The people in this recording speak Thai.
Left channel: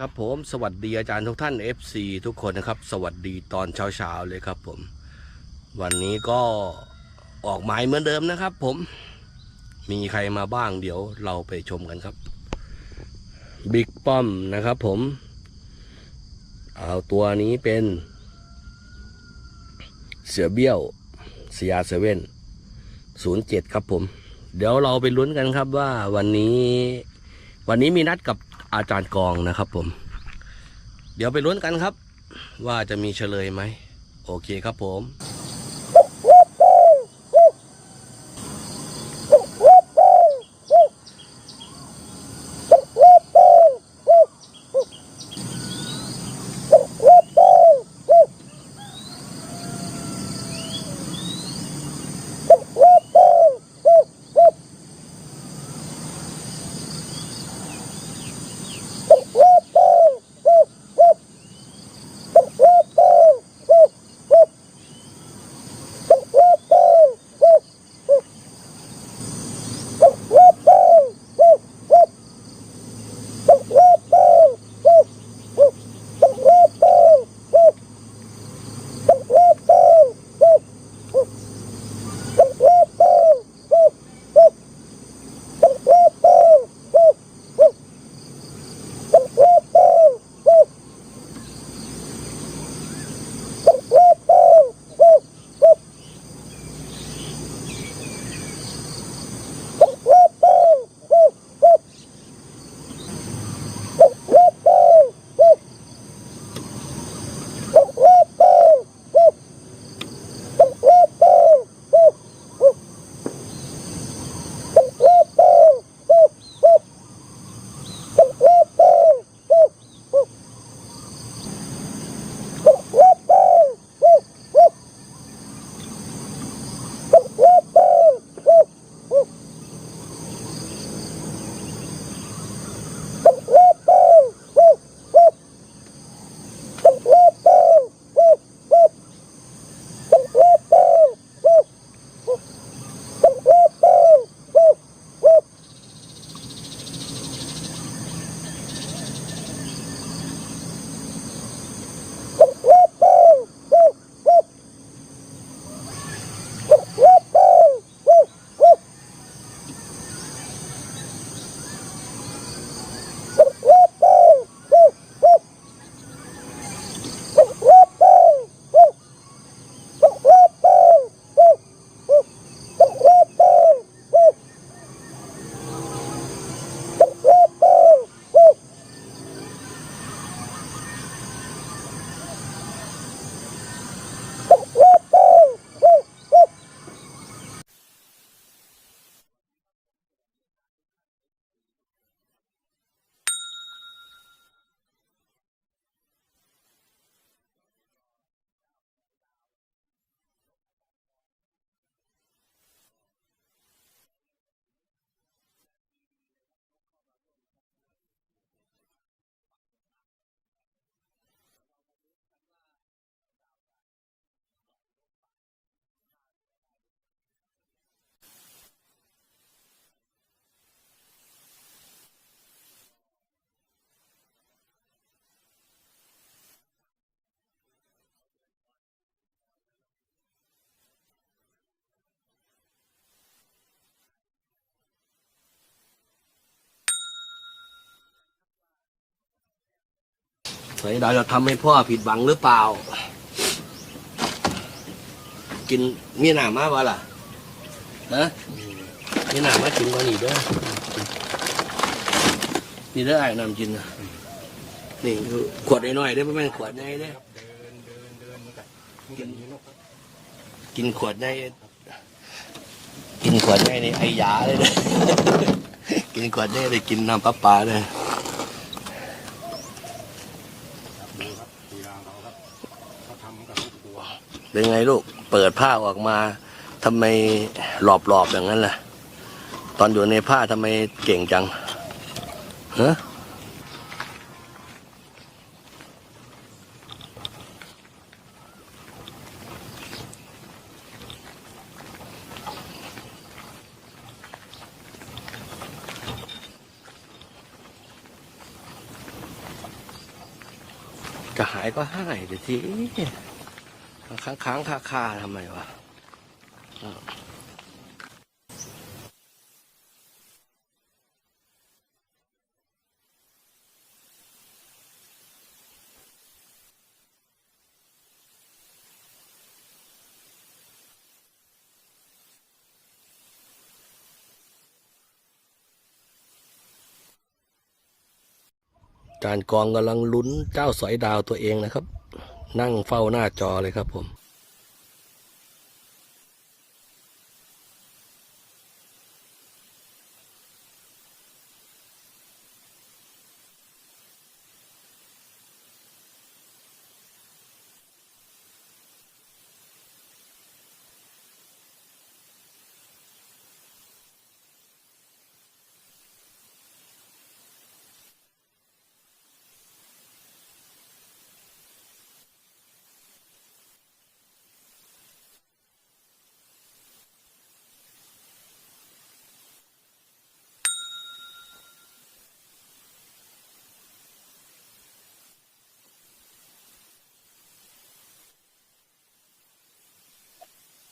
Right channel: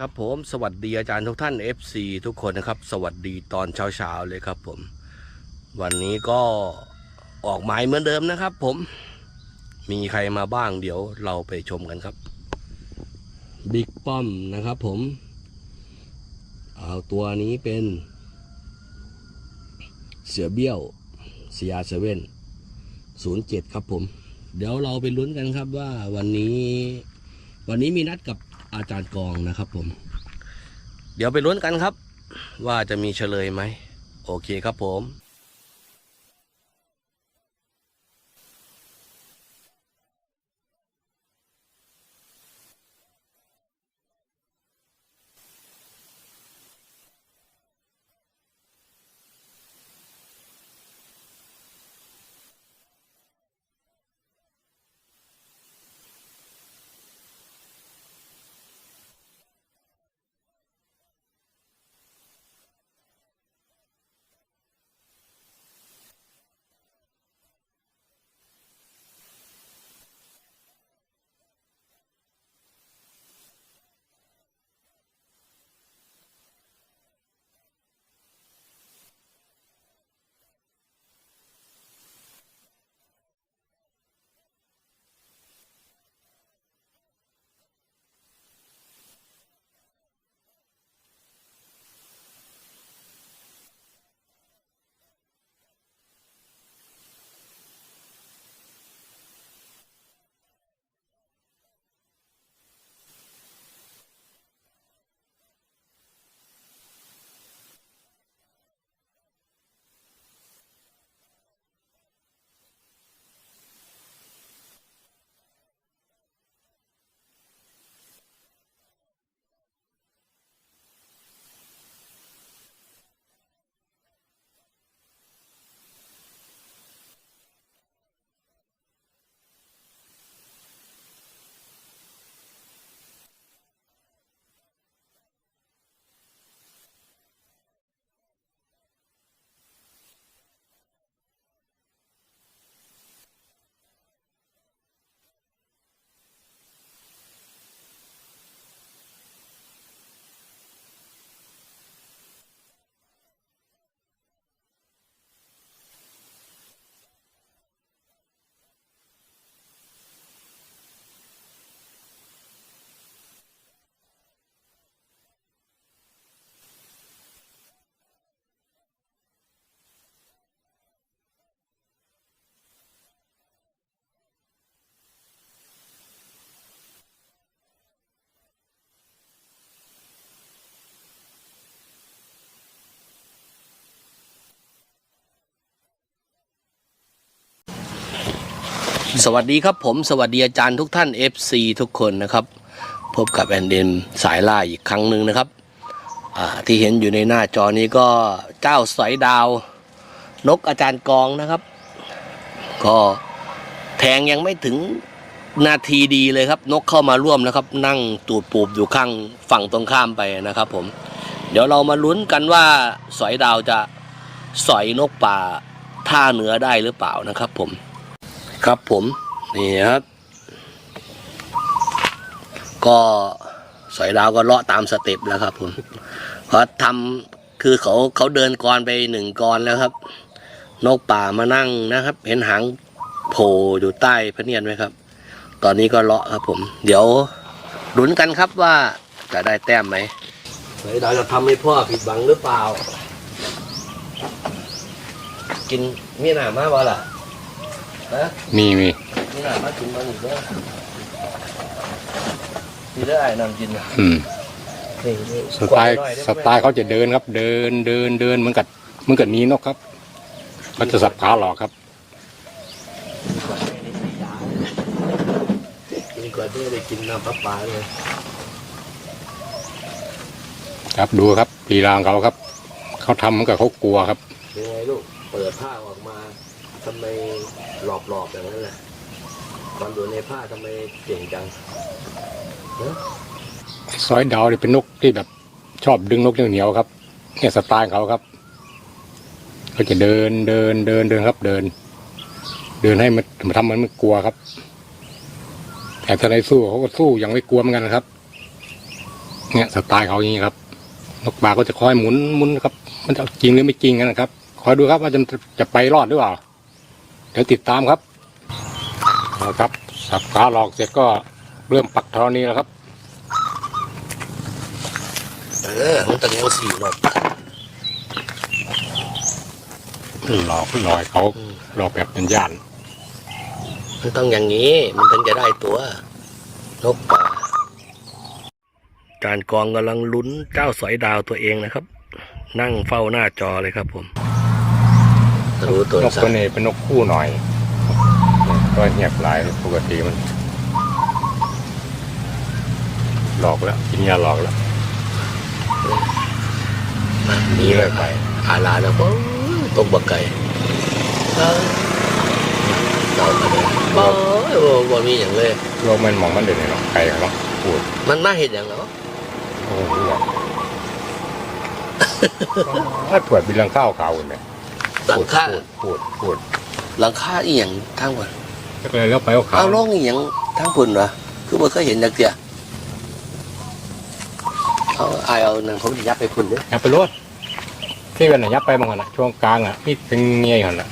ครับผมสวัสดีอาจารย์ทุกท่าน FC ทุกคนนะครับ สวัสดีตอนเช้าๆเลยครับผม วันนี้ก็ออกหมายเหมือนเดิมนะครับผมมีใครมาบ้างเดี๋ยวเราไปชมกันครับบิ๊กป้อมนะครับผม เอาตัวนี้เป็น เสือเบี้ยวเซียเซเว่นศูนย์เจ็ดครับผม เดี๋ยวเราไปลุ้นกันครับว่าวันนี้ วันนี้มีนัดกับ อาจารย์กองนะครับผม เดี๋ยวไปลุ้นกันครับ ว่าจะมีเฉลยไหม โอเคครับผม สวัสดีครับผมสวัสดีอาจารย์ทุกท่าน FC ทุกคนนะครับ พบกับแอนเดนสายล่าอีกครั้งหนึ่งนะครับที่เห็นอยู่ในหน้าจอนี้ก็เจ้าสอยดาว นกอาจารย์กองนะครับ ก็แทงยังไม่ถึงนาทีดีเลยครับ นกเข้ามาร่วมนะครับ นั่งตูดปูบอยู่ข้างฝั่งตรงข้ามไปนะครับ ผม เดี๋ยวเรามาลุ้นกันว่าสอยดาวจะสอยนกป่าท่าเหนือได้หรือเปล่านะครับ ผม ครับผมนี่ครับ ก็สอยดาวก็เลาะตามสเต็ปแล้วครับผมเพราะทำคือเขาเขาเดินกรไปหนึ่งกรแล้วครับ นกป่ามานั่งนะครับ เห็นหางโผล่อยู่ใต้พระเนียดไหมครับ ตอนนี้ก็เลาะครับผม เดี๋ยวลุ้นกันครับว่าจะได้แต้มไหมสอยดาวจะทำให้พ่อผิดหวังหรือเปล่า กินเมียหนามากวะล่ะ ฮะมีมีนี่หนามากินก่อนอีกเด้อนี่ได้อไอ้นำกินนะอืมนี่สไตล์กดหน่อยได้สไหมไตล์เขาจะเดินครับ เดินเดินเดินเหมือนกับเหมือนกับหนี้นกครับเขาจะสับขาหลอกครับ กินขวดได้ในไอ้ยาเลยนะ กินขวดได้ได้กินน้ำปลาปลาเลย ครับดูครับลีลาของเขาครับเขาทำเหมือนกับเขากลัวครับ เป็นไงลูก เปิดผ้าออกมา ทำไมหลอบๆอย่างนั้นล่ะ ตอนอยู่ในผ้าทำไมเก่งจังฮะซอยดาวเนี่ยเป็นนกที่แบบ ชอบดึงนกเหนียวๆครับ เนี่ยสไตล์ของเขาครับเขาจะเดินเดินเดินเดินครับ เดิน เดินให้มันทำมันไม่กลัวครับ แต่ถ้าในสู้เขาก็สู้อย่างไม่กลัวเหมือนกันนะครับ เนี่ยสไตล์เขาอย่างนี้ครับนกปลาก็จะคอยหมุนหมุนครับ มันจะจริงหรือไม่จริงกันนะครับค้างๆคอยดูครับว่าจะจะไปรอดหรือเปล่า เดี๋ยวติดตามครับเอาครับ สับขาหลอกเสร็จก็เริ่มปักธรณีแล้วครับ เออมันต้องเอาสี่รอบหลอกหลอยเขาหลอกแบบเป็นย่าน มันต้องอย่างนี้ มันถึงจะได้ตัวนกป่าจานกองกำลังลุ้นเจ้าสอยดาวตัวเองนะครับ นั่งเฝ้าหน้าจอเลยครับผม รู้ตัวนกสัตัวตว์นี้เป็นนกคู่หน่อยก็เงียบหลายปกติมัน หลอกแล้วกินยาหลอกแล้วหนีเลยไปอาลาแล้วก็ตกบักไก่เออต่อมาเลยบ่โอ้บ่มีอย่างเลย โลกมันมองมันเด่นเนาะไกลเนาะพูดมันมาเห็นอย่างเนาะโอ้โหถ้าตรวจบินลังข้าวขาวเนี่ย หลังคาพูดพูดหลังคาอีหยังทั้งวันพูดก็เลยแล้วไปเอาขาวเอาลงอีหยังทั้งพุ่นวะคือบ่เคยเห็นจักเดียเอาอายเอานั่นผมจะยับไปพุ่นเด้ออย่าไปรถที่เป็นน่ะยับไปบางคนน่ะช่วงกลางอะนี่เป็นเงี้ยหันน่ะ